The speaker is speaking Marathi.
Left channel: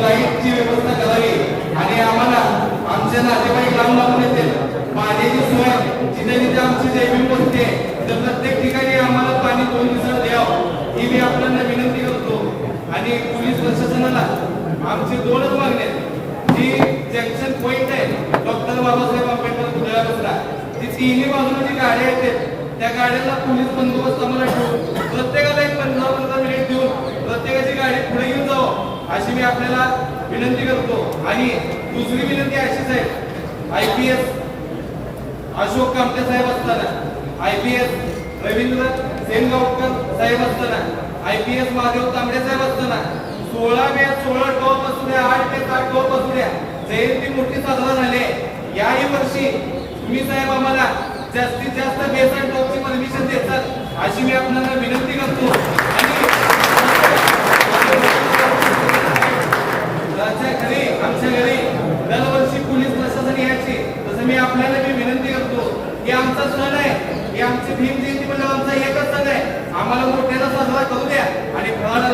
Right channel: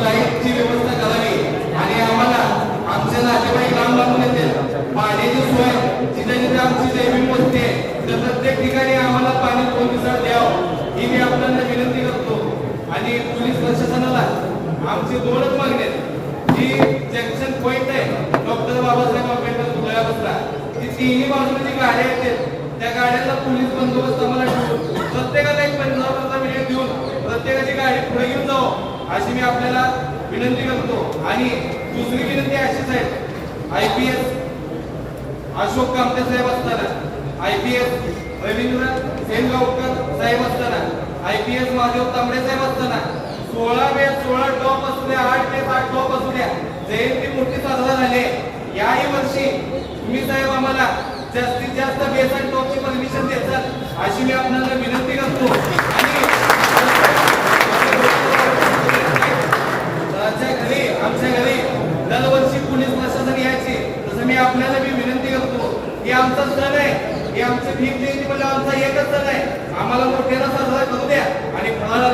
लाईटची व्यवस्था करावी आणि आम्हाला आमच्या नातेवाईक लांब लांबून येतील पाण्याची सोय जिथे जिथे आमची जैविक बसते तर प्रत्येक ठिकाणी आम्हाला पाणी 2 दिवसात द्यावं ही मी आपल्याला विनंती करतो। आणि पोलीस प्रशासनाला आमची 2च मागणी आहेत। जी जंक्शन पॉइंट आहे डॉक्टर बाबासाहेब आंबेडकर पुतळ्यापासून जी तिन्ही बाजूने जी गाड्या येतात त्या गाड्यांना पोलीस बंदोबस्त आम्हाला ठेवून प्रत्येकाला एक 15 मिनिट देऊन प्रत्येकाची गाडी पुढे घेऊन जावं अशी मी आपल्याला विनंती करतो। आणि दुसरी विनंती अशीच आहे, IPS अशोक कामटे साहेब असताना, IPS रवींद्र सेनगावकर साहेब असताना, IPS महादेव तांबडे साहेब असताना 16 मे 16 टॉप असू द्या 8 मे 8 टॉप असू द्या जयंती मोठी साजरा झाली। याही वर्षी तुम्ही साहेब आम्हाला जास्तीत जास्त बेस आणि टॉपची परमिशन देतात अशी मी आपल्याला विनंती करतो। आणि आमच्या घरी दरवर्षी पोलीस प्रशासन यायचे तसं मी आपल्याला विनंती करतो की आमचा सण आहे, हे आमचे भीम जयंती म्हणजे आमचा एकच सण आहे, आम्हाला मोठ्याला साजरा करू द्या आणि फळाला